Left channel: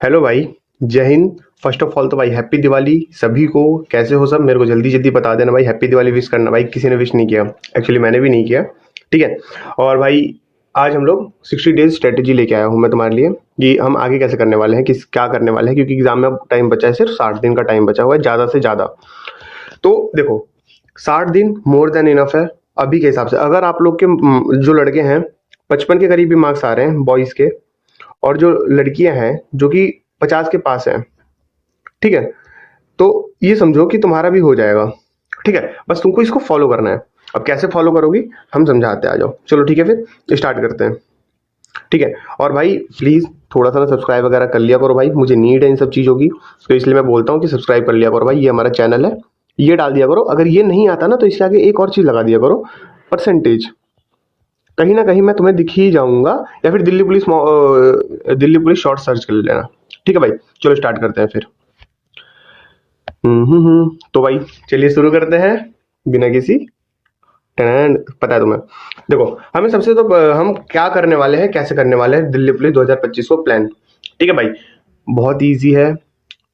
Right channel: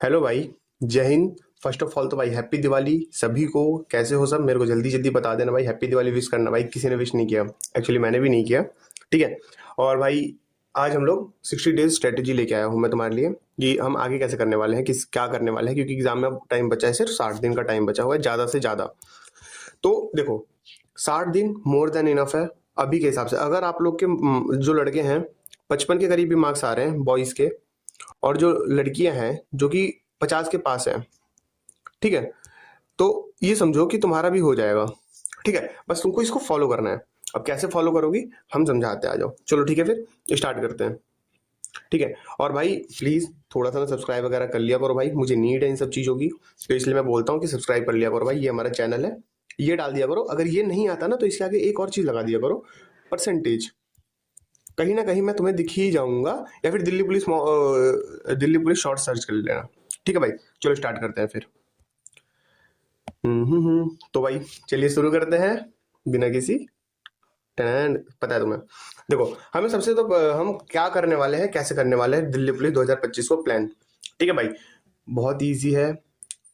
Hello भाई। जय Hind. First of all तो भाई हैप्पी दिवाली सभी को। कैसे हो सब? मेरे को जल्दी जल्दी बता देना भाई, हैप्पी दिवाली विश करना भाई। किसी ने विश नहीं किया, एक्चुअली मैंने भी नहीं किया। ठीक है। और भाई आज हम लोग 60 डेज स्ट्रेटेजी लेके आया हूँ मैं तुम्हारे लिए कि हम आगे कैसे करने वाले हैं, किस क्या करने वाले हैं, क्योंकि एग्जाम में अब टाइम बचा है, सिर्फ 60 दिन का टाइम बचा हुआ है ज़्यादा से ज़्यादा। तो देखो, 60 दिन मोर देन इनफ है अभी के हिसाब से। अगर आप लोग के जो लड़के हैं 55 के करीब भी मार्क्स आ रहे हैं बॉयज़ के, और जो लड़कियां हैं जो कि 50 के पास हैं, ठीक है, तो ये समझो कि तुम्हारा भी हो जाएगा। ठीक है, बस तुमको इसको फॉलो करना है। अब कैसे फॉलो करोगी हम समझाते हैं, आ जाओ। चलो ठीक है, फिर स्टार्ट करते हैं। ठीक है। और भाई प्लीज़ थोड़ा सा ना सब्सक्राइब वगैरह कर लिया करो भाई, मुझे नीड है इन सब चीज़ों की। तो इसलिए मैं बोलता हूँ कि सब्सक्राइब कर लिया करो भाई, ये हमारा चैनल है, ये डाल दिया करो। अगर ये नहीं आता ना तो इसके आगे एक और चीज़ लगा दिया करो, परसेंटेज। कहीं ना कहीं मैं तुम्हें दिख ही जाऊंगा, या फिर दिल्ली पुलिस शॉर्ट सर्च कर लेना। ठीक है भाई, चलो स्टार्ट करते हैं फिर। तो भाई चलिए शुरू करते हैं बिना किसी टन। पता है तुम्हें, देखो हमें सबसे तो हम क्या करने वाले हैं, कैसे करने वाले हैं दिल्ली पुलिस 2025 को प्लान। ठीक है भाई, बहुत इजी है।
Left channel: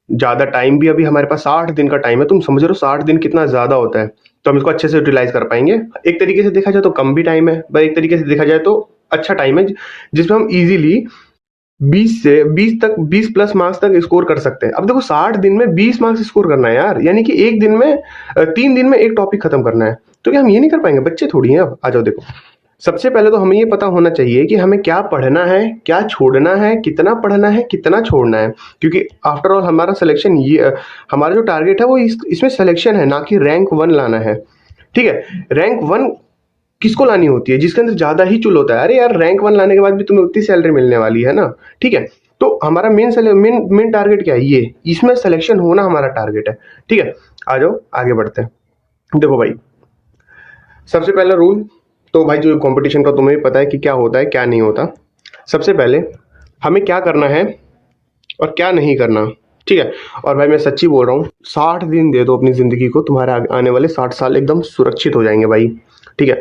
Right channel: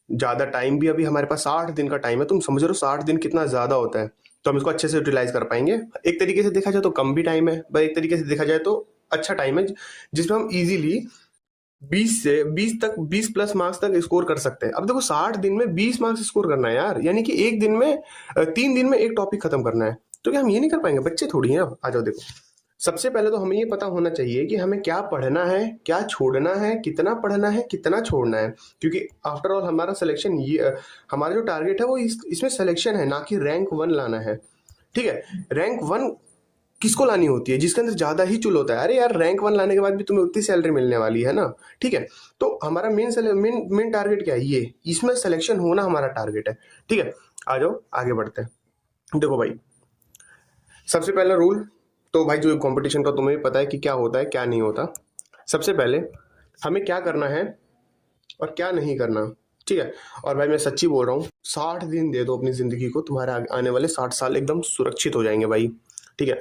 ज़्यादा टाइम भी, अभी हमारे पास 60 दिन का टाइम है। तुम समझ रहे हो 60 दिन कितना ज़्यादा होता है, तो हम इसको अच्छे से यूटिलाइज कर पाएंगे। एक तरीके से देखा जाए तो कम भी टाइम है, पर एक तरीके से देखा जाए तो अच्छा टाइम है, जिसमें हम इजीली 20 मार्क्स तक स्कोर कर सकते हैं। अब देखो 60 दिन में 20 मार्क्स स्कोर करना है यार, यानी कि एक दिन में 3 दिन में एक टॉपिक खत्म करना है। तो क्या हम ये नहीं कर पाएंगे? बच्चे थोड़ी हैं। अब आ जाओ, देखो सबसे पहले तो हमें ये पता होना चाहिए कि हमें क्या पढ़ना है, क्या छोड़ना है, कितना पढ़ना है, कितना छोड़ना है। क्योंकि आफ्टर ऑल हमारा सिलेक्शन ये हमारा जो टारगेट है वो इसमें सिलेक्शन है, ना कि रैंक 1 लाना है। ठीक है। रैंक 1 किसको लानी होती है? जिसके अंदर ज्यादा ही चुल होता है। अरे यार, रैंक 1 लाने के बाद भी तुम्हें उतनी सैलरी मिलने वाली है ना। ठीक है। तो हमारा मेन टारगेट क्या है? ये इसमें सिलेक्शन होना हमारा टारगेट है। ठीक है, आ जाओ आगे बढ़ते हैं। देखो भाई, सबसे पहला रूल तो भाई जो कंपटीशन का तुम्हें पता है कि क्या होता है क्या नहीं होता। सबसे पहले हमें क्या करना है और क्या नहीं करना। ठीक है। और भाई मैं सच्ची बोल रहा हूँ, 60 दिन दे दो अपनी ज़िंदगी को, तुम्हारे आने वाले 60 साल एकदम सुरक्षित हो जाएंगे भाई। ठीक है।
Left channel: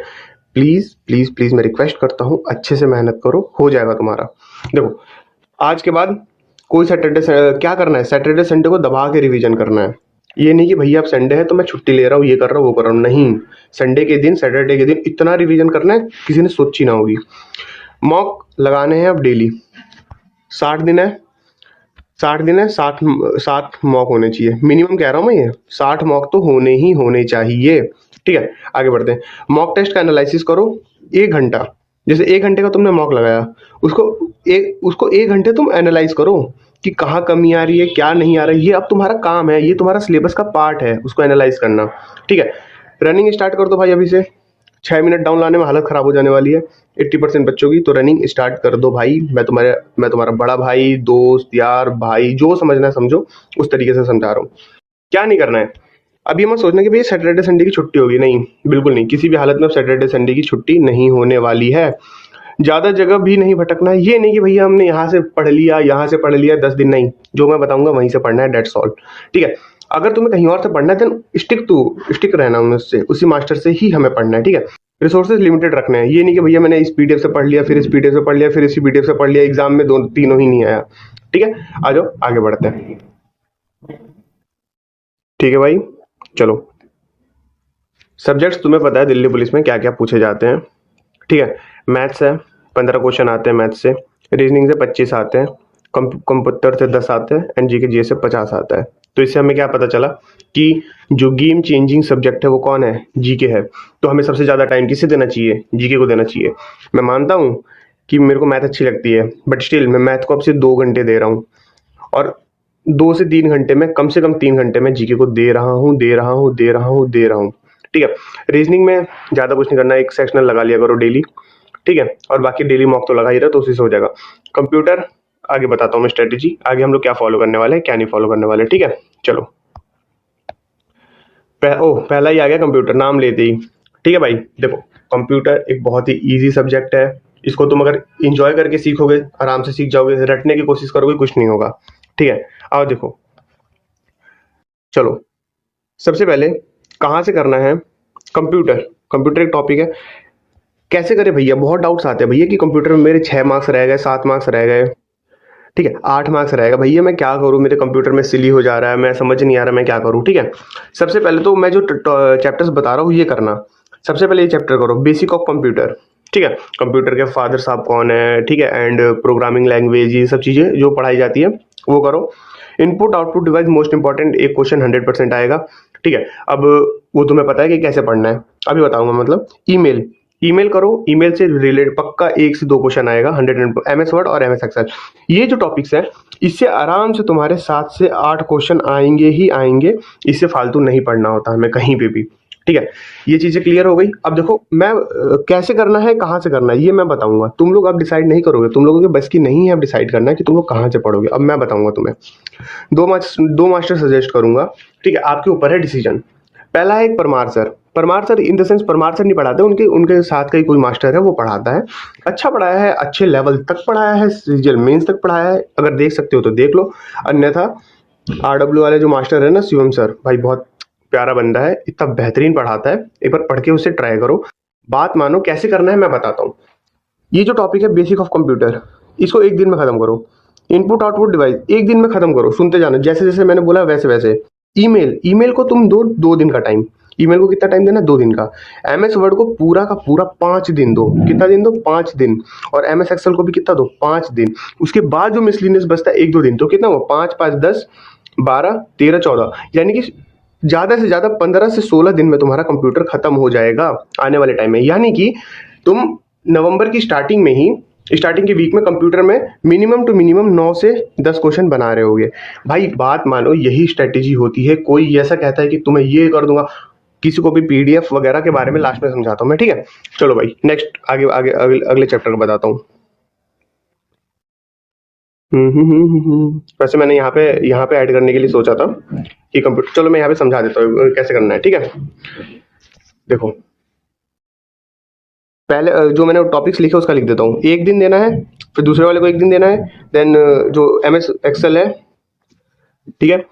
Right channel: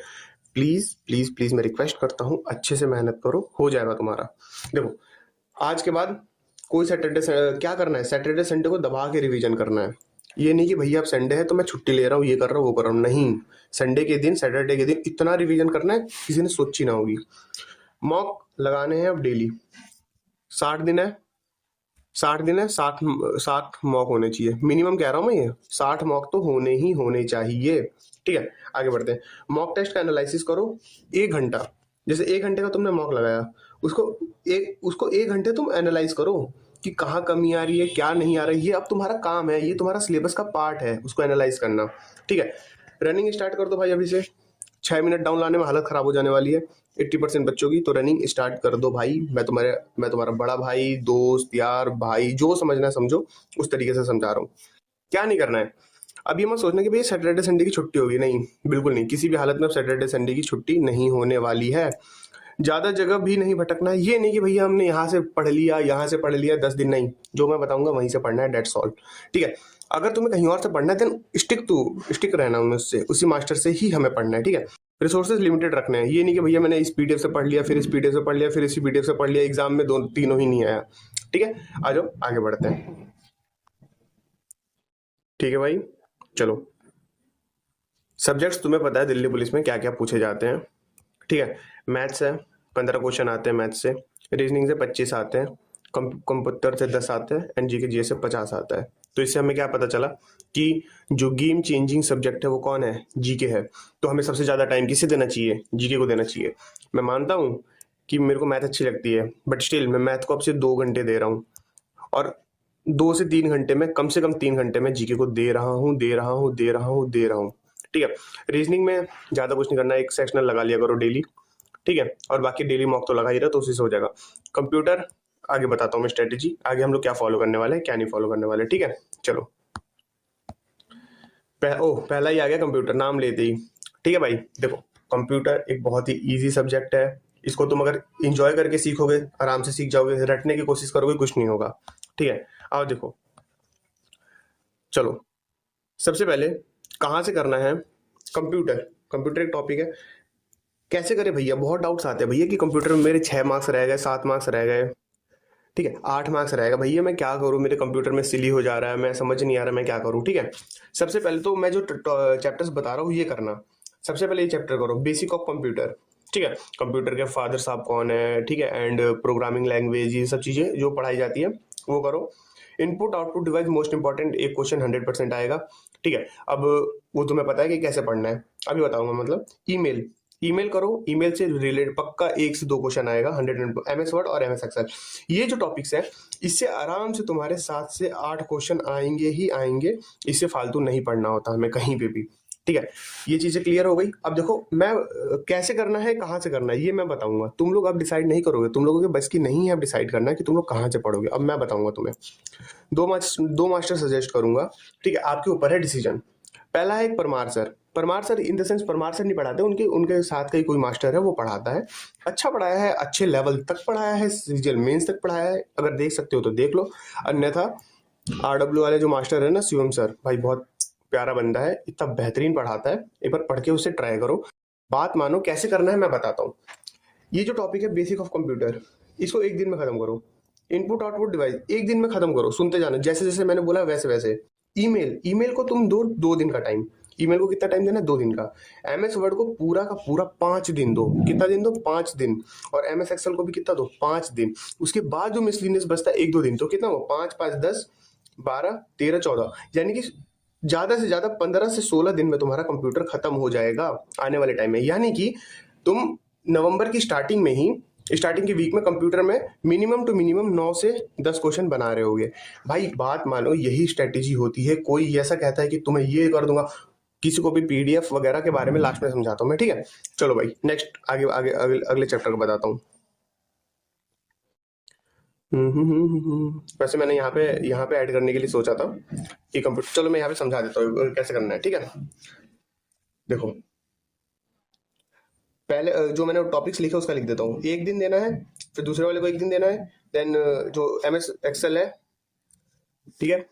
प्लीज़ प्लीज़ प्लीज़ मैं रिक्वेस्ट करता हूँ, अच्छे से मेहनत करो, हो जाएगा तुम्हारा। देखो, आज के बाद कोई क्या करना है, सैटरडे संडे को दबा के रिवीजन करना है। ये नहीं कि भैया अब संडे है तो मैं छुट्टी ले रहा हूँ, ये कर रहा हूँ वो कर रहा हूँ, नहीं। संडे के दिन, सैटरडे के दिन इतना रिवीजन करना है किसी ने सोची ना होगी। मॉक लगाने हैं अब डेली। 60 दिन है, 60 दिन है, 60 मॉक होने चाहिए मिनिमम, कह रहा हूँ मैं, ये 60 मॉक तो होने ही होने चाहिए। ठीक है, आगे बढ़ते हैं। मॉक टेस्ट का एनालिसिस करो 1 घंटा। जैसे 1 घंटे का तुमने मॉक लगाया, उसको 1 घंटे तुम एनालाइज करो कि कहाँ कमी आ रही है, क्या नहीं आ रहा है। ये अब तुम्हारा काम है, ये तुम्हारा सिलेबस का पार्ट है, उसको एनालाइज करना। ठीक है। रनिंग स्टार्ट कर दो भाई अभी से। 6 मिनट डाउन लाने में हालत खराब हो जाने वाली है 80% बच्चों की। तो रनिंग स्टार्ट कर दो भाई। मैं तुम्हारा बड़ा भाई, दोस्त, यार, भाई, जो समझना है समझो, उस तरीके से समझा रहा हूँ। क्या नहीं करना है, अब ये मत सोचना कि भाई सैटरडे संडे की छुट्टी होगी, नहीं, बिल्कुल नहीं। किसी भी हालत में सैटरडे संडे की छुट्टी नहीं होने वाली है। ज़्यादा जगह भी नहीं भटकना है। ये नहीं कि भैया हमने यहाँ से पढ़ लिया, यहाँ से पढ़ लिया 10 दिन, नहीं। जो मैं बताऊंगा वहीं से पढ़ना है, डेट्स ऑल। ठीक है। अगर तुम्हें कहीं और से पढ़ना है देन स्टिक रहना उससे, उसी मास्टर से ही हमें पढ़ना है। ठीक है। रिसोर्सेज लिमिटेड रखने हैं। ये नहीं कि भैया मैंने इस पीडीएफ से पढ़ लिया, फिर इस पीडीएफ से पढ़ लिया, फिर इसी पीडीएफ से पढ़ लिया, एग्जाम में तीनों ही नहीं आया। ठीक है, आ जाओ आगे बढ़ते हैं। ठीक है भाई, चलो। सब्जेक्ट्स तुम्हें पता है दिल्ली पुलिस में क्या क्या पूछे जाते हैं। ठीक है। मैथ्स है, 15 क्वेश्चन आते हैं मैथ्स से। रीजनिंग से 25 आते हैं। कंप्यूटर से 10 आते हैं, एंड जीके से 50 आता है। तो इससे हमें क्या पता चला कि जो गेम चेंजिंग सब्जेक्ट है वो कौन है? जीके है। तो हमें सबसे ज़्यादा टाइम किससे देना चाहिए? जीके को देना चाहिए। मैं मानता हूँ कि मेरे को मैथ अच्छी लगती है, बट स्टिल मैं मैथ को अब से 2 घंटे दे रहा हूँ, और 2 से 3 घंटे में, कम से कम 3 घंटे में जीके को दे रहा हूँ, दे रहा हूँ, दे रहा हूँ, दे रहा हूँ। ठीक है। रीजनिंग में ज़्यादा कुछ नहीं करना है, एक सेक्शनल लगा लिया करो डेली। ठीक है। और बाकी डेली मॉक तो लगा ही रहा, तो उसी से हो जाएगा। कंप्यूटर आगे बताता हूँ मैं स्ट्रेटेजी, आगे हम लोग क्या फॉलो करने वाले हैं, क्या नहीं फॉलो करने वाले। ठीक है, चलो। पहला ही आ गया कंप्यूटर, नाम लेते ही। ठीक है भाई, देखो कंप्यूटर एक बहुत ही ईजी सब्जेक्ट है। इसको तुम अगर इंजॉय करके सीखोगे आराम से सीख जाओगे, रटने की कोशिश करोगे कुछ नहीं होगा। ठीक है, आओ देखो, चलो। सबसे पहले कहाँ से करना है? कंप्यूटर। कंप्यूटर एक टॉपिक है, कैसे करें भैया? बहुत डाउट्स आते हैं भैया कि कंप्यूटर में मेरे 6 मार्क्स रह गए, 7 मार्क्स रह गए। ठीक है, 8 मार्क्स रहेगा। भैया मैं क्या करूँ, मेरे कंप्यूटर में सिली हो जा रहा है, मैं समझ नहीं आ रहा मैं क्या करूँ। ठीक है, सबसे पहले तो मैं जो चैप्टर्स बता रहा हूँ ये करना। सबसे पहले ये चैप्टर करो, बेसिक ऑफ कंप्यूटर। ठीक है, कंप्यूटर के फादर साहब कौन है, ठीक है, एंड प्रोग्रामिंग लैंग्वेज, ये सब चीज़ें जो पढ़ाई जाती है वो करो। Input output device most important, एक क्वेश्चन 100% आएगा। ठीक है, अब वो तुम्हें पता है कि कैसे पढ़ना है, अभी बताऊंगा। मतलब ईमेल, ईमेल करो, ईमेल से रिलेटेड पक्का 1 से 2 क्वेश्चन आएगा 100। एमएस वर्ड और एमएस एक्सेल, ये जो टॉपिक्स हैं इससे आराम से तुम्हारे 7 से 8 क्वेश्चन आएंगे ही आएंगे। इससे फालतू नहीं पढ़ना होता हमें कहीं पे भी। ठीक है, ये चीज़ें क्लियर हो गई। अब देखो मैं कैसे करना है, कहाँ से करना है, ये मैं बताऊंगा। तुम लोग अब डिसाइड नहीं करोगे, तुम लोगों के बस की नहीं है अब डिसाइड करना है कि तुम लोग कहाँ से पढ़ोगे। अब मैं बताऊंगा तुम्हें, दो मास्टर सजेस्ट करूंगा। ठीक है, आपके ऊपर है डिसीजन। पहला है एक Parmar sir. Parmar sir in the sense Parmar sir नहीं पढ़ाते, उनके उनके साथ का ही कोई मास्टर है वो पढ़ाता है। अच्छा पढ़ाया है, अच्छे लेवल तक पढ़ाया है, सीजीएल मेंस तक पढ़ाया है। अगर देख सकते हो तो देख लो, अन्यथा आरडब्ल्यू वाले जो मास्टर है ना, शिवम सर, भाई बहुत प्यारा बंदा है, इतना बेहतरीन पढ़ाता है। एक बार पढ़ के उसे ट्राई करो, बात मानो। कैसे करना है मैं बताता हूँ। ये जो टॉपिक है बेसिक ऑफ कंप्यूटर, इसको एक दिन में खत्म करो। इनपुट आउटपुट डिवाइस एक दिन में खत्म करो, सुनते जाना जैसे जैसे मैंने बोला वैसे वैसे। ईमेल, ईमेल को तुम दो दिन का टाइम। ईमेल को कितना टाइम देना, 2 दिन का। एमएस वर्ड को पूरा का पूरा 5 दिन दो। कितना दिन दो, 5 दिन। और एमएस एक्सेल को भी कितना दो, 5 दिन। उसके बाद जो मिसलिनियस बचता है 1-2 दिन, तो कितना हुआ, 5 5 10 12 13 14, यानी कि ज़्यादा से ज़्यादा 15 से 16 दिन में तुम्हारा कंप्यूटर खत्म हो जाएगा आने वाले टाइम में। यानी कि तुम नवंबर की स्टार्टिंग में ही, स्टार्टिंग के वीक में कंप्यूटर में मिनिमम टू मिनिमम 9 से 10 क्वेश्चन बना रहे होगे। भाई बात मानो, यही स्ट्रेटेजी होती है। कोई ऐसा कहता है कि तुम्हें ये कर दूंगा, किसी को भी पीडीएफ वगैरह के बारे में लास्ट में समझाता हूँ मैं। ठीक है, चलो भाई नेक्स्ट, आगे आगे अगले चैप्टर को बताता हूँ। वैसे मैंने यहाँ पे ऐड करने के लिए सोचा था कि कंप्यूटर, चलो मैं यहाँ पे समझा देता हूँ कैसे करना है। ठीक है, देखो पहले जो मैंने टॉपिक्स लिखे उसका लिख देता हूँ। एक दिन देना है, फिर दूसरे वाले को एक दिन देना है, देन जो एमएस एक्सेल है, ठीक है,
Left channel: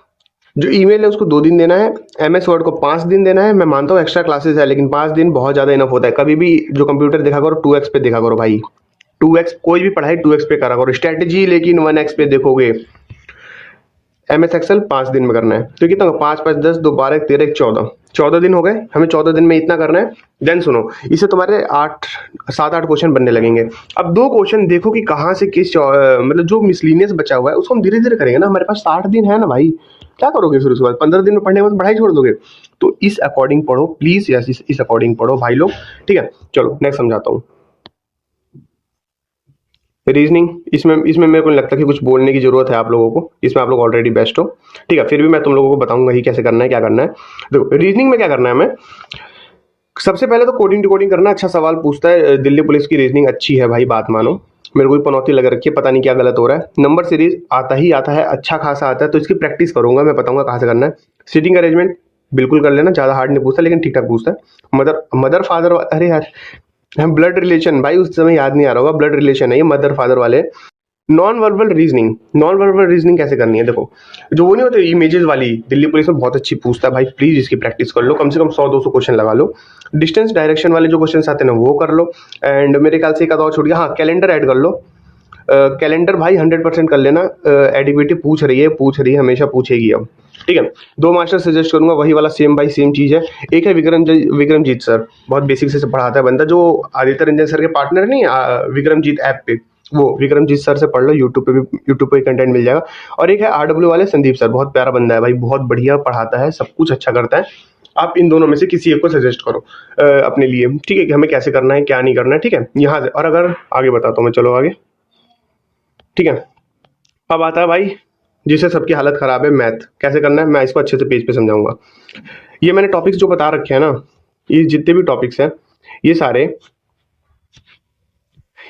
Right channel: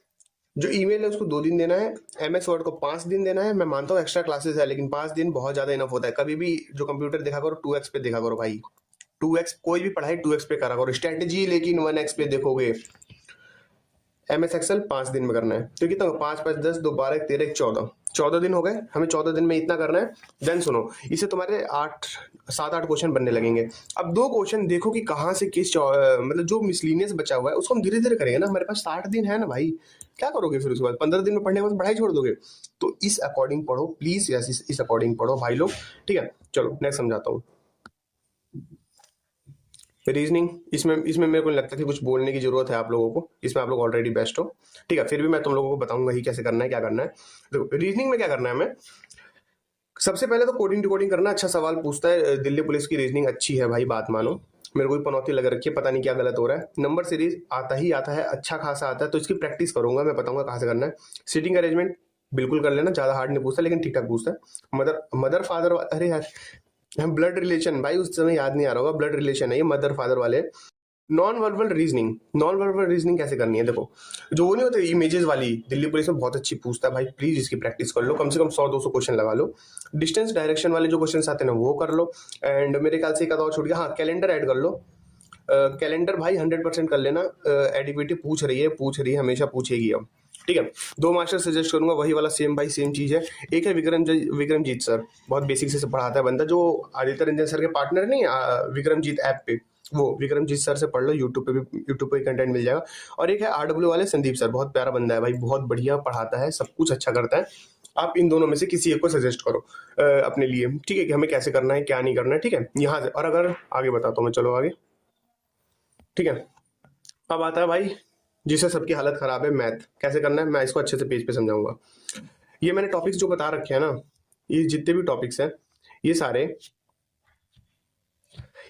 जो ईमेल है उसको 2 दिन देना है, एमएस वर्ड को 5 दिन देना है। मैं मानता हूँ एक्स्ट्रा क्लासेस है, लेकिन 5 दिन बहुत ज़्यादा इनफ होता है। कभी भी जो कंप्यूटर देखा करो 2x पे देखा करो भाई, 2x, कोई भी पढ़ाई 2x पे करा करो। स्ट्रेटेजी लेकिन 1x पे देखोगे। एमएस एक्सेल 5 दिन में करना है, तो कितना होगा, 5 5 10 2 12 1 13 1 14, 14 दिन हो गए। हमें 14 दिन में इतना करना है। देन सुनो, इससे तुम्हारे 7-8 क्वेश्चन बनने लगेंगे। अब 2 क्वेश्चन देखो कि कहाँ से किस मतलब जो मिसलिनियस बचा हुआ है उसको हम धीरे धीरे करेंगे ना। हमारे पास 60 दिन है ना भाई, क्या करोगे फिर उसके बाद, 15 दिन में पढ़ने के बाद पढ़ाई छोड़ दोगे। तो इस अकॉर्डिंग पढ़ो प्लीज, यस इस अकॉर्डिंग पढ़ो भाई लोग। ठीक है, चलो नेक्स्ट समझाता हूँ। रीजनिंग, इसमें मेरे को नहीं लगता कि कुछ बोलने की जरूरत है आप लोगों को, इसमें आप लोग ऑलरेडी बेस्ट हो। ठीक है, फिर भी मैं तुम लोगों को बताऊंगा ही कैसे करना है, क्या करना है। देखो रीजनिंग में क्या करना है, हमें सबसे पहले तो कोडिंग डिकोडिंग करना। अच्छा सवाल पूछता है, दिल्ली पुलिस की रीजनिंग अच्छी है भाई, बात मानो। मेरे को भी पनौती लग रखी है, पता नहीं क्या गलत हो रहा है। नंबर सीरीज आता ही आता है, अच्छा खासा आता है, तो इसकी प्रैक्टिस करूंगा, मैं बताऊंगा कहाँ से करना है। सीटिंग अरेंजमेंट बिल्कुल कर लेना, ज़्यादा हार्ड नहीं पूछता लेकिन ठीक ठाक पूछता है। मदर फादर, अरे यार ब्लड रिलेशन, भाई उस समय याद नहीं आ रहा होगा, ब्लड रिलेशन है ये, मदर फादर वाले। Non verbal reasoning, non verbal reasoning कैसे करनी है, देखो जो वो नहीं होते इमेजेस वाली, दिल्ली पुलिस में बहुत अच्छी पूछता है भाई, प्लीज इसकी प्रैक्टिस कर लो, कम से कम 100-200 क्वेश्चन लगा लो। डिस्टेंस डायरेक्शन वाले जो क्वेश्चन आते हैं ना वो कर लो। एंड मेरे ख्याल से एक आधा और छूट गया, हाँ कैलेंडर ऐड कर लो। कैलेंडर भाई 100% कर लेना। एडिबिलिटी पूछ रही है, हमेशा पूछेगी अब। ठीक है, 2 मास्टर सजेस्ट करूंगा, वही वाला सेम बाई सेम चीज़ है। एक है विक्रमजीत सर, बहुत बेसिक से पढ़ाता है बंदा, जो आदित्य रंजन सर के पार्टनर नहीं, विक्रमजीत ऐप पे, वो विक्रमजीत सर से पढ़ लो, यूट्यूब पे कंटेंट मिल जाएगा। और एक है आरडब्ल्यू वाले संदीप सर, बहुत प्यारा बंदा है भाई, बहुत बढ़िया पढ़ाता है, सब कुछ अच्छा करता है। आप इन दोनों में से किसी एक को सजेस्ट करो अपने लिए। ठीक है, कि हमें कैसे करना है क्या नहीं करना है। ठीक है, यहाँ से और अगर आगे बताता हूँ मैं, चलो आगे। ठीक है, अब आता है भाई जिससे सबकी हालत खराब है, मैथ कैसे करना है, मैं इसको अच्छे से पेज पे समझाऊंगा। ये मैंने टॉपिक्स जो बता रखे हैं ना, ये जितने भी टॉपिक्स हैं, ये सारे,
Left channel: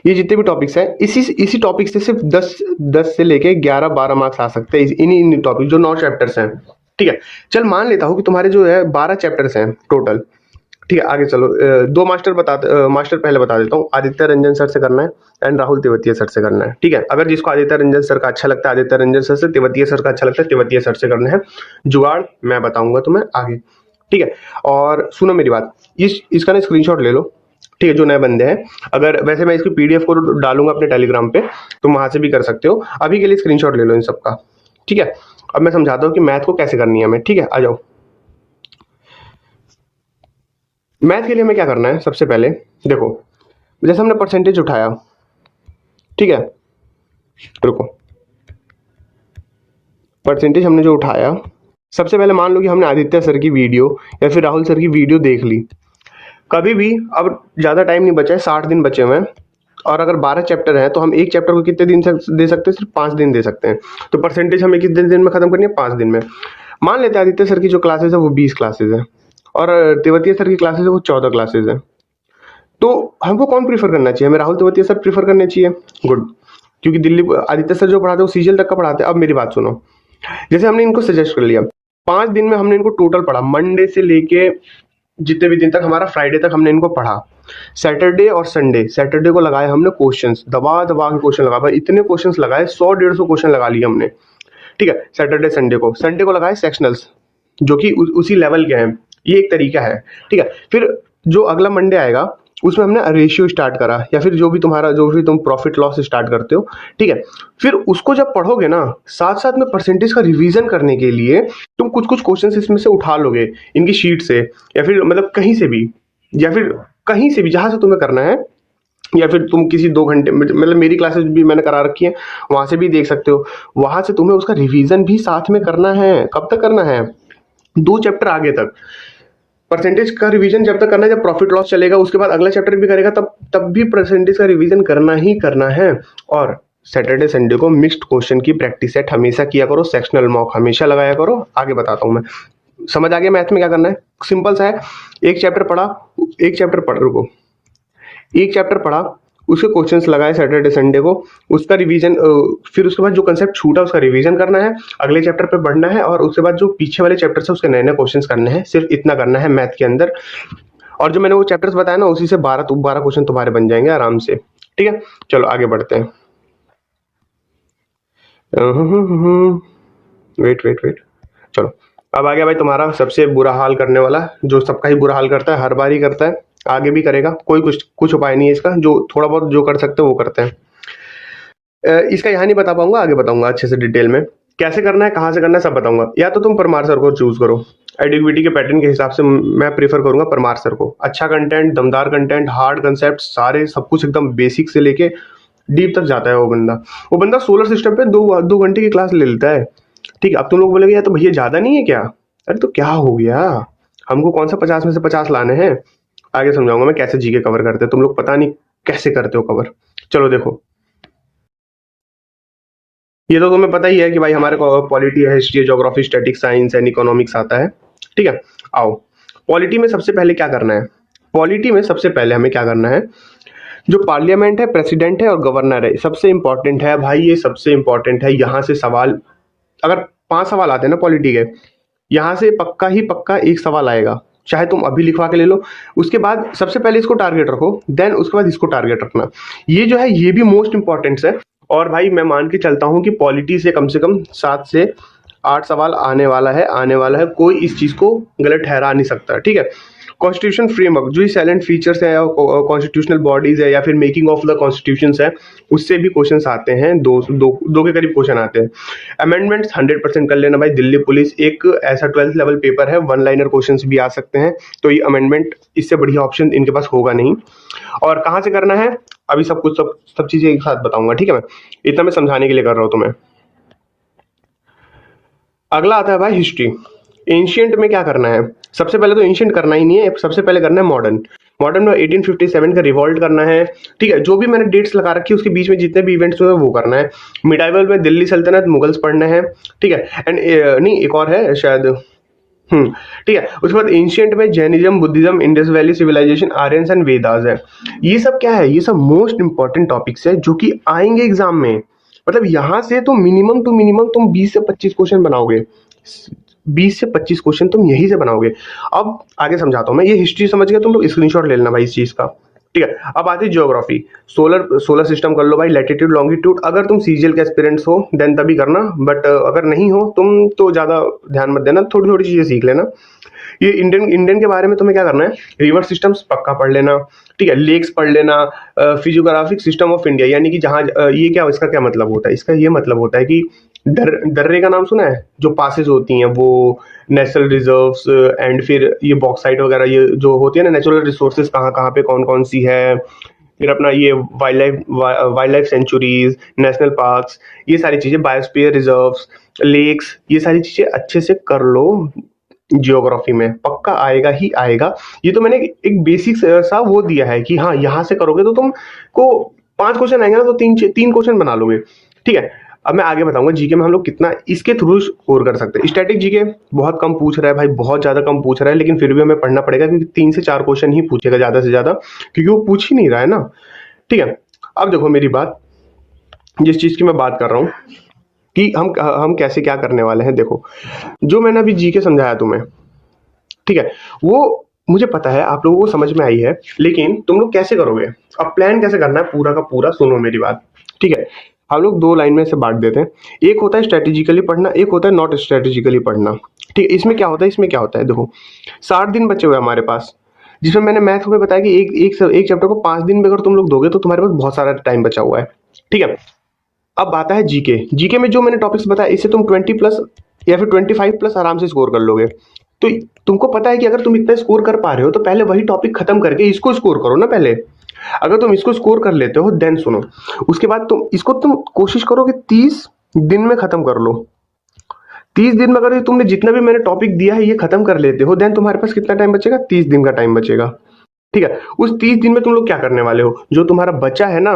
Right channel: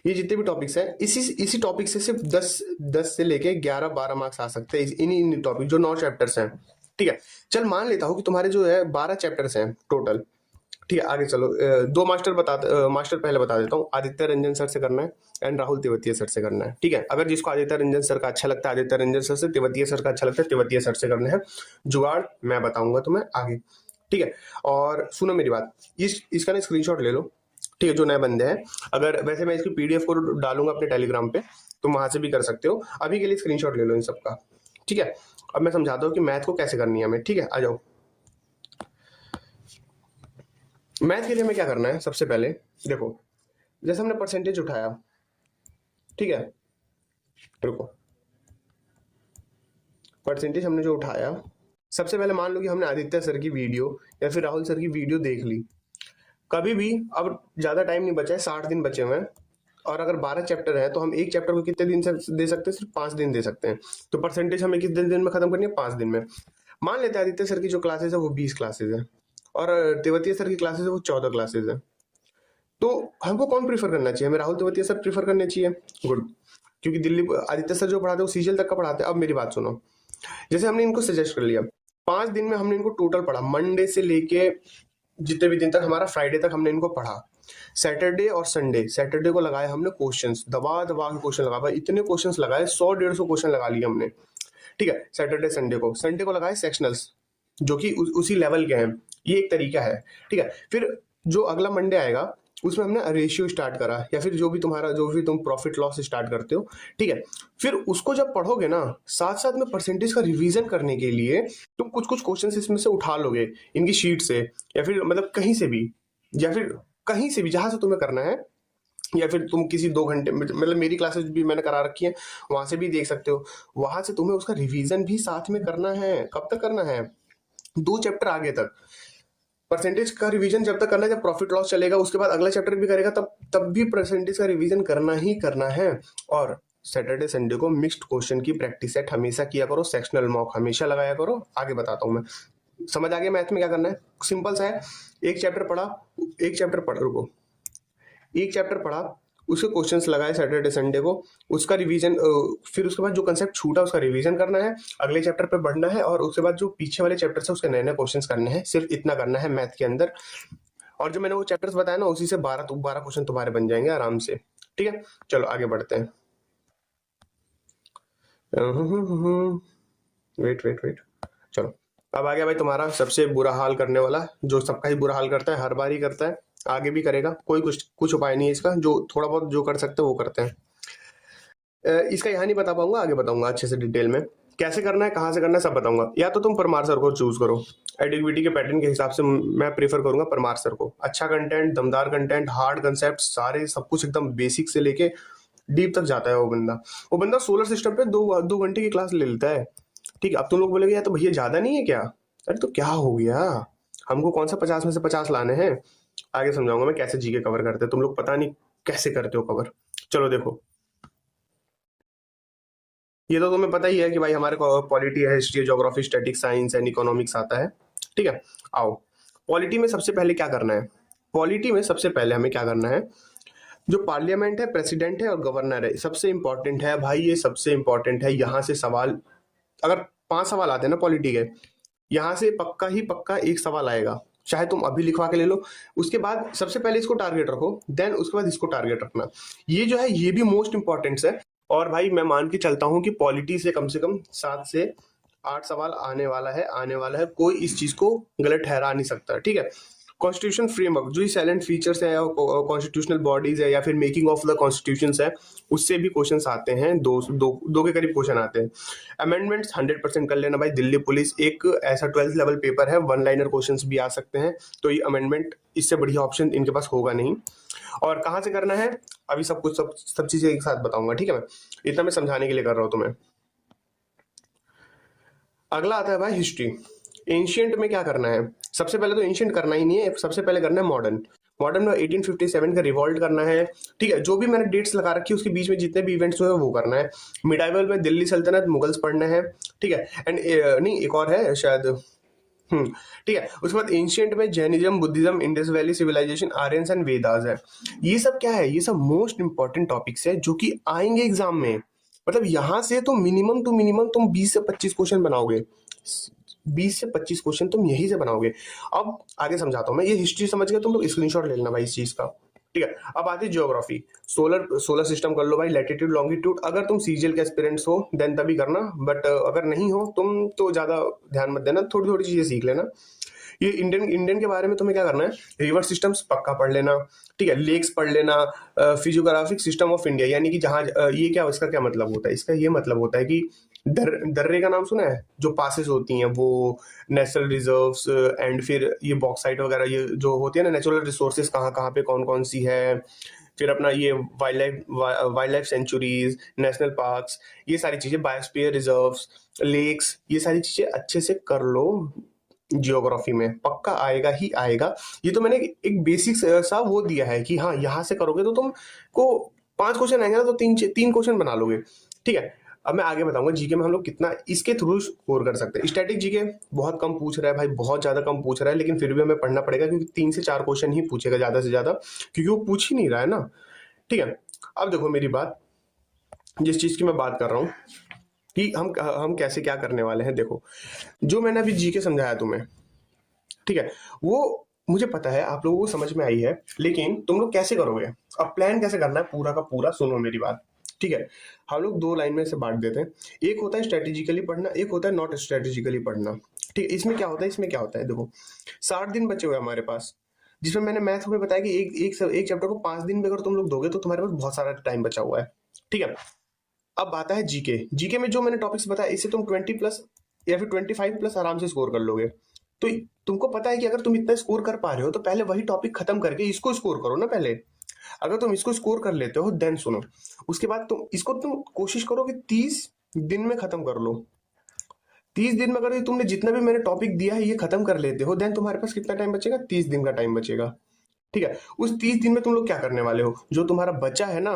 ये जितने भी टॉपिक्स हैं, इसी टॉपिक से सिर्फ 10 से लेके 11-12 मार्क्स आ सकते हैं, इन्हीं टॉपिक जो 9 चैप्टर्स हैं। ठीक है, चल मान लेता हूँ कि तुम्हारे जो है 12 चैप्टर्स हैं टोटल। ठीक है, आगे चलो। 2 मास्टर पहले बता देता हूँ। आदित्य रंजन सर से करना है एंड राहुल तेवतिया सर से करना है। ठीक है, अगर जिसको आदित्य रंजन सर का अच्छा लगता है आदित्य रंजन सर से, तेवतिया सर का अच्छा लगता है तेवतिया सर से करना है। जुगाड़ मैं बताऊंगा तुम्हें आगे। ठीक है, और सुनो मेरी बात, इसका ना स्क्रीनशॉट ले लो। ठीक है, जो नए बंदे हैं। अगर वैसे मैं इसकी पीडीएफ को डालूंगा अपने टेलीग्राम पे, तुम वहां से भी कर सकते हो। अभी के लिए स्क्रीनशॉट ले लो इन सबका, ठीक है। अब मैं समझाता हूँ कि मैथ को कैसे करनी है हमें, ठीक है। आ जाओ। मैथ के लिए हमें क्या करना है, सबसे पहले देखो, जैसे हमने परसेंटेज उठाया, ठीक है, रुको, परसेंटेज हमने जो उठाया, सबसे पहले मान लो कि हमने आदित्य सर की वीडियो या फिर राहुल सर की वीडियो देख ली। कभी भी, अब ज़्यादा टाइम नहीं बचा है, 60 दिन बचे हुए हैं, और अगर 12 चैप्टर हैं तो हम एक चैप्टर को कितने दिन से दे सकते हैं, सिर्फ 5 दिन दे सकते हैं। तो परसेंटेज हमें कितने दिन में खत्म करनी है, 5 दिन में। मान लेते हैं आदित्य सर की जो क्लासेज है वो 20 क्लासेज है, और तेवतिया सर की क्लासेज है वो 14 क्लासेज है। तो हमको कौन प्रीफर करना चाहिए, हमें राहुल तेवतिया सर प्रीफर करने चाहिए। गुड, क्योंकि दिल्ली आदित्य सर जो पढ़ाते हैं वो सीजीएल तक का पढ़ाते हैं। अब मेरी बात सुनो, जैसे हमने इनको सजेस्ट कर लिया, 5 दिन में हमने इनको टोटल पढ़ा, मंडे से लेके जितने भी दिन तक हमारा फ्राइडे तक हमने इनको पढ़ा। सैटरडे और संडे, सैटरडे को लगाए हमने क्वेश्चंस, दबा दबा के क्वेश्चन लगा, भाई इतने क्वेश्चंस लगाए, 100-150 क्वेश्चन लगा लिए हमने, ठीक है। सैटरडे संडे को लगाए सेक्शनल्स, जो कि उसी लेवल के हैं। ये एक तरीका है, ठीक है। फिर जो अगला मंडे आएगा उसमें हमने रेशियो स्टार्ट करा, या फिर जो भी तुम प्रॉफिट लॉस स्टार्ट करते हो, ठीक है। फिर उसको जब पढ़ोगे ना, साथ साथ में परसेंटेज का रिवीजन करने के लिए तुम कुछ कुछ क्वेश्चन इसमें से उठा लोगे, इनकी शीट से, या फिर मतलब कहीं से भी, या फिर कहीं से भी जहां से तुम्हें करना है, या फिर तुम किसी 2 घंटे, मतलब मेरी क्लासेस भी मैंने करा रखी है, वहां से भी देख सकते हो। वहां से तुम्हें उसका रिवीजन भी साथ में करना है। कब तक करना है, 2 चैप्टर आगे तक। परसेंटेज का रिवीजन जब तक करना है जब प्रॉफिट लॉस चलेगा, उसके बाद अगला चैप्टर भी करेगा, तब भी परसेंटेज का रिवीजन करना ही करना है। और सैटरडे संडे को मिक्स्ड क्वेश्चन की प्रैक्टिस सेट हमेशा किया करो, सेक्शनल मॉक हमेशा लगाया करो। आगे बताता हूँ मैं, समझ आ गया मैथ में क्या करना है, सिंपल सा है। एक चैप्टर पढ़ा, रुको, एक चैप्टर पढ़ा, उसके क्वेश्चंस लगाए सैटरडे संडे को, उसका रिवीजन, फिर उसके बाद जो कंसेप्ट छूटा उसका रिवीजन करना है, अगले चैप्टर पे बढ़ना है, और उसके बाद जो पीछे वाले चैप्टर से उसके नए नए क्वेश्चंस करने हैं। सिर्फ इतना करना है मैथ के अंदर। और जो मैंने वो चैप्टर्स बताया ना, उसी से 12 क्वेश्चन तुम्हारे बन जाएंगे आराम से, ठीक है। चलो आगे बढ़ते हैं। वेट, चलो अब आ गया भाई तुम्हारा सबसे बुरा हाल करने वाला, जो सबका ही बुरा हाल करता है, हर बार ही करता है, आगे भी करेगा। कोई कुछ उपाय नहीं है इसका, जो थोड़ा बहुत जो कर सकते हैं वो करते हैं। इसका यहाँ नहीं बता पाऊंगा, आगे बताऊंगा अच्छे से डिटेल में कैसे करना है, कहाँ से करना है, सब बताऊंगा। या तो तुम परमार सर को चूज करो, एडिक्विटी के पैटर्न के हिसाब से मैं प्रीफर करूंगा परमार सर को। अच्छा कंटेंट, दमदार कंटेंट, हार्ड कंसेप्ट, सारे सब कुछ एकदम बेसिक से लेके डीप तक जाता है वो बंदा सोलर सिस्टम पे 2 घंटे की क्लास ले लेता है, ठीक है। अब तुम लोग बोलेगे यार तो भैया ज्यादा नहीं है क्या, अरे तो क्या हो गया, हमको कौन सा 50 में से 50 लाने हैं। आगे समझाऊंगा मैं कैसे जीके कवर करते हैं, तुम लोग पता नहीं कैसे करते हो कवर। चलो देखो, ये तो तुम्हें पता ही है कि भाई हमारे को पॉलिटी है, हिस्ट्री है, geography, statics, science and economics आता है, ठीक है। आओ, पॉलिटी में सबसे पहले क्या करना है, पॉलिटी में सबसे पहले हमें क्या करना है, जो पार्लियामेंट है, प्रेसिडेंट है और गवर्नर है, सबसे इंपॉर्टेंट है भाई, ये सबसे इंपॉर्टेंट है। यहाँ से सवाल, अगर 5 सवाल आते हैं ना पॉलिटी के, यहाँ से पक्का ही पक्का एक सवाल आएगा, चाहे तुम अभी लिखवा के ले लो। उसके बाद सबसे पहले इसको टारगेट रखो, देन उसके बाद इसको टारगेट रखना। ये जो है ये भी मोस्ट इंपॉर्टेंट है। और भाई मैं मान के चलता हूँ कि पॉलिटी से कम 7 से 8 सवाल आने वाला है, कोई इस चीज को गलत ठहरा नहीं सकता, ठीक है। कॉन्स्टिट्यूशन फ्रेमवर्क, जो साइलेंट फीचर्स है, कॉन्स्टिट्यूशनल बॉडीज है, या फिर मेकिंग ऑफ द कॉन्स्टिट्यूशंस है, उससे भी क्वेश्चंस आते हैं, दो के करीब क्वेश्चन आते हैं। अमेंडमेंट्स 100% कर लेना भाई। दिल्ली पुलिस एक ऐसा 12th लेवल पेपर है, 1 लाइनर क्वेश्चंस भी आ सकते हैं, तो ये अमेंडमेंट, इससे बढ़िया ऑप्शन इनके पास होगा नहीं। और कहाँ से करना है, अभी सब चीजें एक साथ बताऊंगा, ठीक है। मैं इतना मैं समझाने के लिए कर रहा हूँ तुम्हें। अगला आता है भाई हिस्ट्री। एंशियंट में क्या करना है, सबसे पहले तो एंशियंट करना ही नहीं है, सबसे पहले करना है मॉडर्न। मॉडर्न में 1857 का रिवॉल्ट करना है, ठीक है। जो भी मैंने डेट्स लगा रखी है उसके बीच में जितने भी इवेंट्स हुए वो करना है। मिडाइवल में दिल्ली सल्तनत, मुगल्स पढ़ना है, ठीक है। एंड नहीं, एक और है शायद, ठीक है। उसके बाद एंशियंट में Jainism, Buddhism, Indus valley civilization, Aryans and Vedas है। ये सब क्या है, ये सब मोस्ट इंपॉर्टेंट टॉपिक्स है जो कि आएंगे एग्जाम में। मतलब यहाँ से तो मिनिमम टू मिनिमम तुम 20 से 25 क्वेश्चन बनाओगे, 20 से 25 क्वेश्चन तुम यही से बनाओगे। अब आगे समझाता हूँ मैं, ये हिस्ट्री समझ गया, तुम लोग स्क्रीनशॉट ले लेना भाई इस चीज का, ठीक है। अब आती है ज्योग्राफी। सोलर सिस्टम कर लो भाई, लैटिट्यूड लॉन्गिट्यूड। अगर तुम सीजीएल के एस्पिरेंट्स हो देन तभी करना, बट अगर नहीं हो तुम तो ज्यादा ध्यान मत देना, थोड़ी थोड़ी चीजें सीख लेना। ये इंडियन के बारे में तुम्हें क्या करना है, रिवर सिस्टम्स पक्का पढ़ लेना, ठीक है, लेक्स पढ़ लेना, फिजियोग्राफिक सिस्टम ऑफ इंडिया, यानी कि जहाँ ये क्या, इसका क्या मतलब होता है, इसका ये मतलब होता है कि दर्रे का नाम सुना है, जो पासेस होती हैं वो नेशनल रिजर्व्स एंड फिर ये बॉक्साइट वगैरह, ये जो होती है ना नेचुरल रिसोर्सेज कहाँ कहाँ पे कौन कौन सी है, फिर अपना ये wild life sanctuaries, national parks, ये सारी चीज़ें, बायोस्फीयर रिजर्व्स, लेक्स, ये सारी चीज़ें अच्छे से कर लो। जियोग्राफी में पक्का आएगा ही आएगा। ये तो मैंने एक बेसिक सा वो दिया है कि हाँ यहाँ से करोगे तो तुम को 5 क्वेश्चन आएंगे ना, तो तीन क्वेश्चन बना लोगे। ठीक है, अब मैं आगे बताऊंगा जीके में हम लोग कितना इसके थ्रू स्कोर कर सकते हैं। स्टैटिक जीके बहुत कम पूछ रहा है भाई, बहुत ज़्यादा कम पूछ रहा है, लेकिन फिर भी हमें पढ़ना पड़ेगा क्योंकि 3 से 4 क्वेश्चन ही पूछेगा ज़्यादा से ज़्यादा, क्योंकि वो पूछ ही नहीं रहा है ना। ठीक है, अब देखो मेरी बात, जिस चीज़ की मैं बात कर रहा हूँ कि हम कैसे क्या करने वाले हैं। देखो जो मैंने अभी जीके समझाया तुम्हें, ठीक है, वो मुझे पता है आप लोगों को समझ में आई है, लेकिन तुम लोग कैसे करोगे, अब प्लान कैसे करना है पूरा का पूरा सुनो मेरी बात। ठीक है, हम लोग 2 लाइन में से बांट देते हैं, एक होता है स्ट्रेटेजिकली पढ़ना, एक होता है नॉट स्ट्रेटेजिकली पढ़ना। ठीक है, इसमें क्या होता है, देखो 60 दिन बचे हुए हमारे पास, जिसमें मैंने मैथ में बताया कि एक चैप्टर को 5 दिन में अगर तुम लोग दोगे तो तुम्हारे पास बहुत सारा टाइम बचा हुआ है। ठीक है, अब आता है जीके। जीके में जो मैंने टॉपिक्स बताया इससे तुम 20 प्लस या फिर 25 प्लस आराम से स्कोर कर लोगे। तो तुमको पता है कि अगर तुम इतना स्कोर कर पा रहे हो तो पहले वही टॉपिक खत्म करके इसको स्कोर करो ना पहले। अगर तुम इसको स्कोर कर लेते हो देन सुनो, उसके बाद तुम कोशिश करो कि 30 दिन में खत्म कर लो। 30 दिन में अगर तुमने जितना भी मैंने टॉपिक दिया है ये खत्म कर लेते हो, देन तुम्हारे पास कितना टाइम बचेगा, 30 दिन का टाइम बचेगा। ठीक है, उस 30 दिन में तुम लोग क्या करने वाले हो, जो तुम्हारा बचा है ना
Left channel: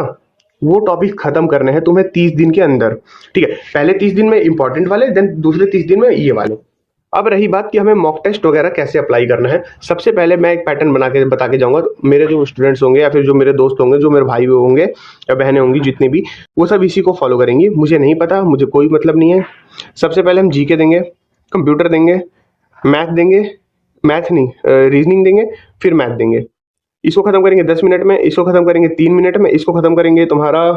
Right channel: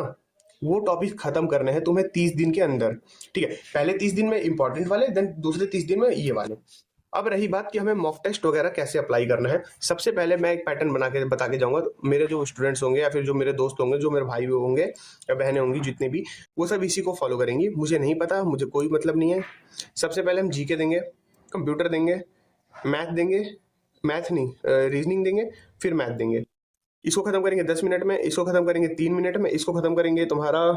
वो टॉपिक खत्म करने हैं तुम्हें 30 दिन के अंदर। ठीक है, पहले 30 दिन में इंपॉर्टेंट वाले, देन दूसरे 30 दिन में ये वाले। अब रही बात कि हमें मॉक टेस्ट वगैरह कैसे अप्लाई करना है, सबसे पहले मैं एक पैटर्न बता के जाऊंगा। मेरे जो स्टूडेंट्स होंगे या फिर जो मेरे दोस्त होंगे, जो मेरे भाई होंगे या बहनें होंगी जितनी भी, वो सब इसी को फॉलो करेंगी। मुझे नहीं पता, मुझे कोई मतलब नहीं है। सबसे पहले हम जीके देंगे, कंप्यूटर देंगे, मैथ देंगे, मैथ नहीं रीजनिंग देंगे, फिर मैथ देंगे। इसको खत्म करेंगे 10 मिनट में, इसको खत्म करेंगे 3 मिनट में, इसको खत्म करेंगे तुम्हारा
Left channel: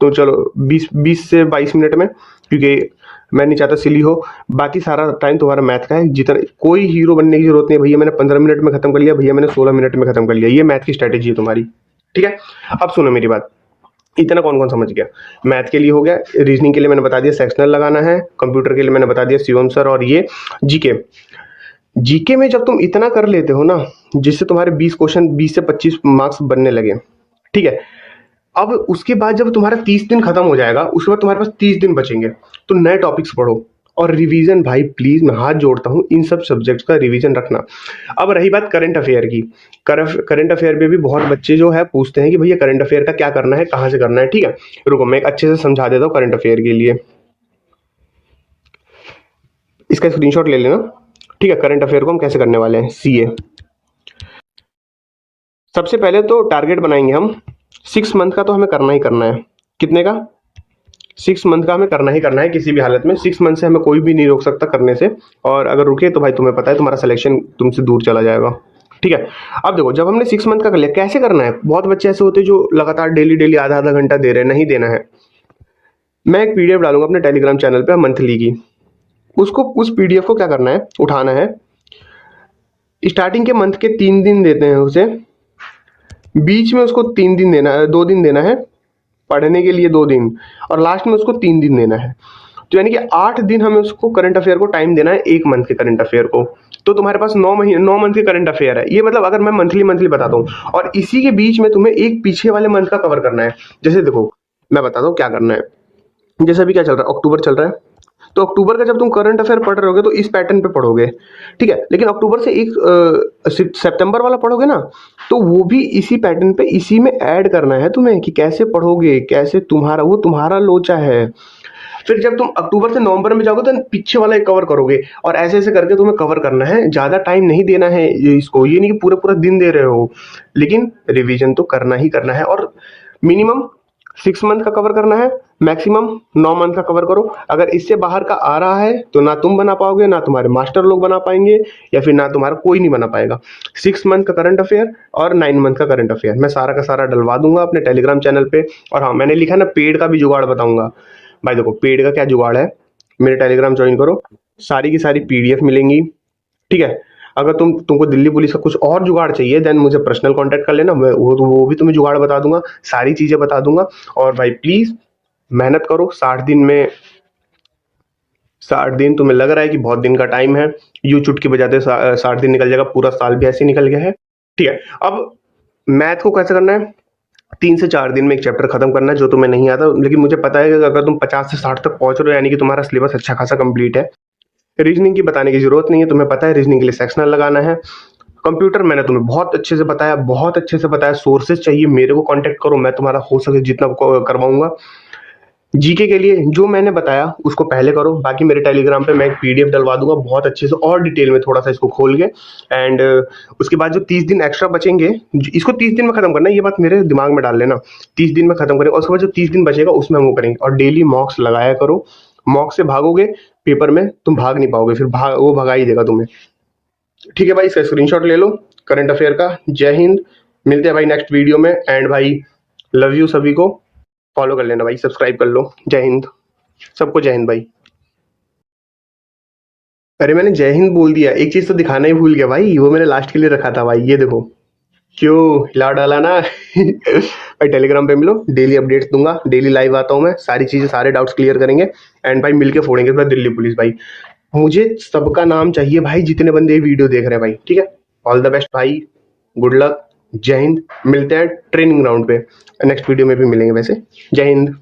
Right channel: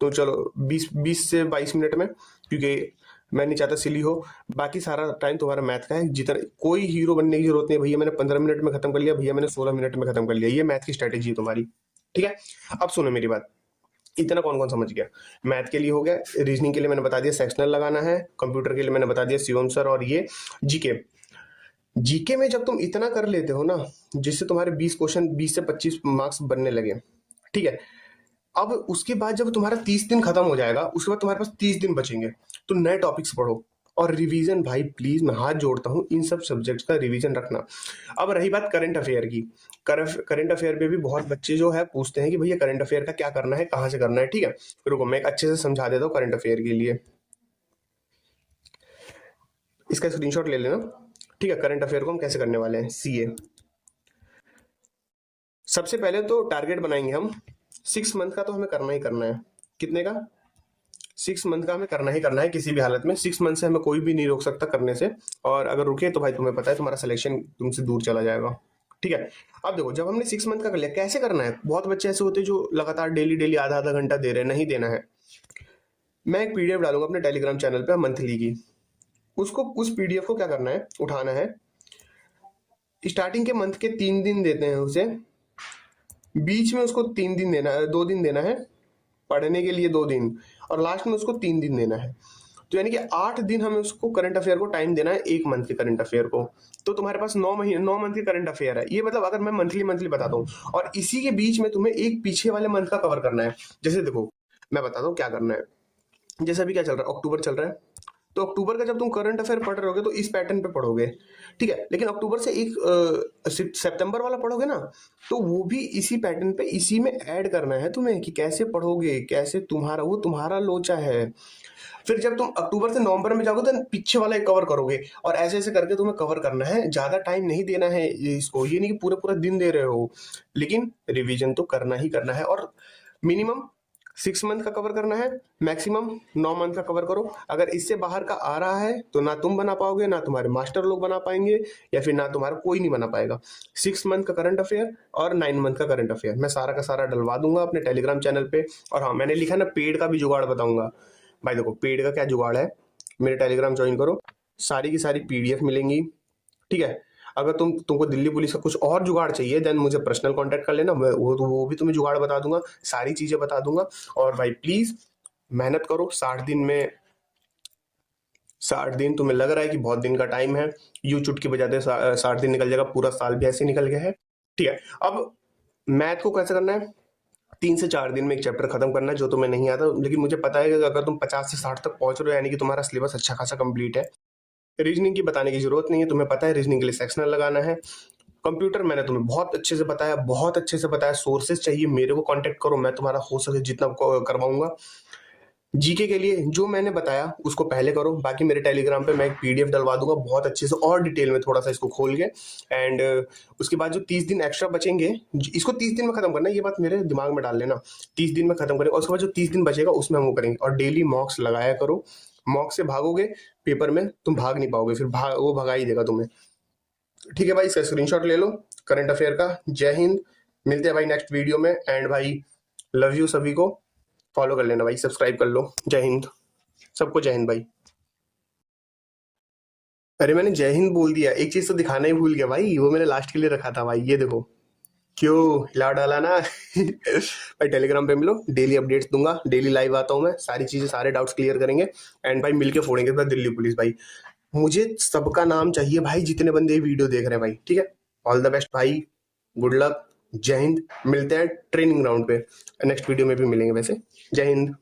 तो चलो 20 से 22 मिनट में, क्योंकि मैं नहीं चाहता सिली हो। बाकी सारा टाइम तुम्हारा मैथ का है। जितना कोई हीरो बनने की जरूरत नहीं है, भैया मैंने 15 मिनट में खत्म कर लिया, भैया मैंने 16 मिनट में खत्म कर लिया, ये मैथ की स्ट्रैटेजी है तुम्हारी। ठीक है, अब सुनो मेरी बात, इतना कौन कौन समझ गया। मैथ के लिए हो गया, रीजनिंग के लिए मैंने बता दिया सेक्शनल लगाना है, कंप्यूटर के लिए मैंने बता दिया शिवम सर, और ये जीके में जब तुम इतना कर लेते हो ना, जिससे तुम्हारे 20 क्वेश्चन 20 से 25 मार्क्स बनने लगे। ठीक है, अब उसके बाद जब तुम्हारा 30 दिन खत्म हो जाएगा, उसके बाद तुम्हारे पास 30 दिन बचेंगे, तो नए टॉपिक्स पढ़ो और रिवीजन भाई प्लीज मैं हाथ जोड़ता हूँ इन सब सब्जेक्ट्स का रिवीजन रखना। अब रही बात करंट अफेयर की, करंट अफेयर में भी बहुत बच्चे जो है पूछते हैं कि भैया करंट अफेयर का क्या करना है, कहाँ से करना है। ठीक है, रुको मैं एक अच्छे से समझा देता हूँ करंट अफेयर के लिए, इसका स्क्रीनशॉट ले लेना। ठीक है, करंट अफेयर को हम कैसे करने वाले हैं, सीए। सबसे पहले तो टारगेट बनाएंगे हम 6 मंथ का, तो हमें करना ही करना है। कितने का, 6 मंथ का हमें करना ही करना है किसी भी हालत में। 6 मंथ से हमें कोई भी नहीं रोक सकता करने से, और अगर रुके तो भाई तुम्हें पता है तुम्हारा सिलेक्शन तुमसे दूर चला जाएगा। ठीक है, अब देखो जब हमने 6 मंथ का कर लिया, कैसे करना है। बहुत बच्चे ऐसे होते हैं जो लगातार डेली आधा आधा घंटा दे रहे हैं, नहीं देना है। मैं एक पीडीएफ डालूंगा अपने टेलीग्राम चैनल पे मंथली की, उसको उस पीडीएफ को क्या करना है, उठाना है। स्टार्टिंग के मंथ के 3 दिन देते हैं उसे, बीच में उसको 3 दिन देना है, 2 दिन देना है पढ़ने के लिए, 2 दिन, और लास्ट में उसको 3 दिन देना है। तो यानी कि 8 दिन हमें उसको करंट अफेयर को टाइम देना है, 1 मंथ के करंट अफेयर को। तो तुम्हारे पास 9 मंथ के करंट अफेयर है। ये मतलब अगर मैं मंथली बताता हूँ, और इसी के बीच में तुम्हें एक पीछे वाले मंथ का कवर करना है। जैसे देखो मैं बताता हूँ क्या करना है। जैसे अभी क्या चल रहा है, अक्टूबर चल रहा है, तो अक्टूबर का जब तुम करंट अफेयर पढ़ रहे होगे तो इस पैटर्न पे पढ़ोगे। ठीक है, लेकिन अक्टूबर से एक सितंबर वाला पढ़ोगे ना, तो वो भी इसी पैटर्न पे इसी में ऐड करना है तुम्हें कि कैसे पढ़ोगे, कैसे तुम्हारा लोचा है। फिर जब तुम अक्टूबर से नवंबर में जाओगे तो पीछे वाला कवर करोगे, और ऐसे ऐसे करके तुम्हें कवर करना है। ज़्यादा टाइम नहीं देना है इसको, ये नहीं कि पूरा पूरा दिन दे रहे हो, लेकिन रिवीजन तो करना ही करना है। और मिनिमम 6 मंथ का कवर करना है, मैक्सिमम 9 मंथ का कवर करो। अगर इससे बाहर का आ रहा है तो ना तुम बना पाओगे, ना तुम्हारे मास्टर लोग बना पाएंगे, या फिर ना तुम्हारा कोई नहीं बना पाएगा। 6 मंथ का करंट अफेयर और 9 मंथ का करंट अफेयर मैं सारा का सारा डलवा दूंगा अपने टेलीग्राम चैनल पे। और हाँ, मैंने लिखा ना पेड का भी जुगाड़ बताऊंगा। भाई देखो पेड का क्या जुगाड़ है, मेरे टेलीग्राम ज्वाइन करो, सारी की सारी पीडीएफ मिलेंगी। ठीक है, अगर तुमको दिल्ली पुलिस का कुछ और जुगाड़ चाहिए देन मुझे पर्सनल कांटेक्ट कर लेना, वो भी तुम्हें जुगाड़ बता दूंगा, सारी चीज़ें बता दूंगा। और भाई प्लीज़ मेहनत करो, 60 दिन में 60 दिन तुम्हें लग रहा है कि बहुत दिन का टाइम है, यूं चुटकी बजाते 60 दिन निकल जाएगा, पूरा साल भी ऐसे ही निकल गया है। ठीक है, अब मैथ को कैसे करना है, 3 से 4 दिन में एक चैप्टर खत्म करना है जो तुम्हें नहीं आता, लेकिन मुझे पता है कि अगर तुम 50 से 60 तक पहुंच रहे हो यानी कि तुम्हारा सिलेबस अच्छा खासा कंप्लीट है। रीजनिंग की बताने की जरूरत नहीं है, तुम्हें पता है रीजनिंग के लिए सेक्शनल लगाना है। कंप्यूटर मैंने तुम्हें बहुत अच्छे से बताया, बहुत अच्छे से बताया। सोर्सेज चाहिए मेरे को कांटेक्ट करो, मैं तुम्हारा हो सके जितना करवाऊंगा। जीके के लिए जो मैंने बताया उसको पहले करो, बाकी मेरे टेलीग्राम पे मैं एक पीडीएफ डलवा दूंगा बहुत अच्छे से और डिटेल में थोड़ा सा इसको खोल के। एंड उसके बाद जो 30 दिन एक्स्ट्रा बचेंगे, इसको 30 दिन में खत्म करना है, ये बात मेरे दिमाग में डाल लेना। 30 दिन में खत्म करेंगे और उसके बाद जो 30 दिन बचेगा उसमें हम वो करेंगे। और डेली मॉक्स लगाया करो, मॉक से भागोगे पेपर में तुम भाग नहीं पाओगे, फिर वो भगा ही देगा तुम्हें। ठीक है भाई, इसका स्क्रीनशॉट ले लो करंट अफेयर का। जय हिंद, मिलते हैं भाई नेक्स्ट वीडियो में। एंड भाई लव यू, सभी को फॉलो कर लेना भाई, सब्सक्राइब कर लो। जय हिंद सबको, जय हिंद भाई। अरे मैंने जय हिंद बोल दिया, एक चीज तो दिखाना ही भूल गया भाई, वो मैंने लास्ट के लिए रखा था भाई, ये देखो। क्यों हिला डाला ना भाई टेलीग्राम पे मिलो, डेली अपडेट्स दूंगा, डेली लाइव आता हूँ मैं, सारी चीजें सारे डाउट्स क्लियर करेंगे। एंड भाई मिलके फोड़ेंगे भाई दिल्ली पुलिस भाई। मुझे सबका नाम चाहिए भाई जितने बंदे ये वीडियो देख रहे हैं भाई, ठीक है। ऑल द बेस्ट भाई, गुड लक, जय हिंद। मिलते हैं ट्रेनिंग ग्राउंड पे, नेक्स्ट वीडियो में भी मिलेंगे वैसे। जय हिंद।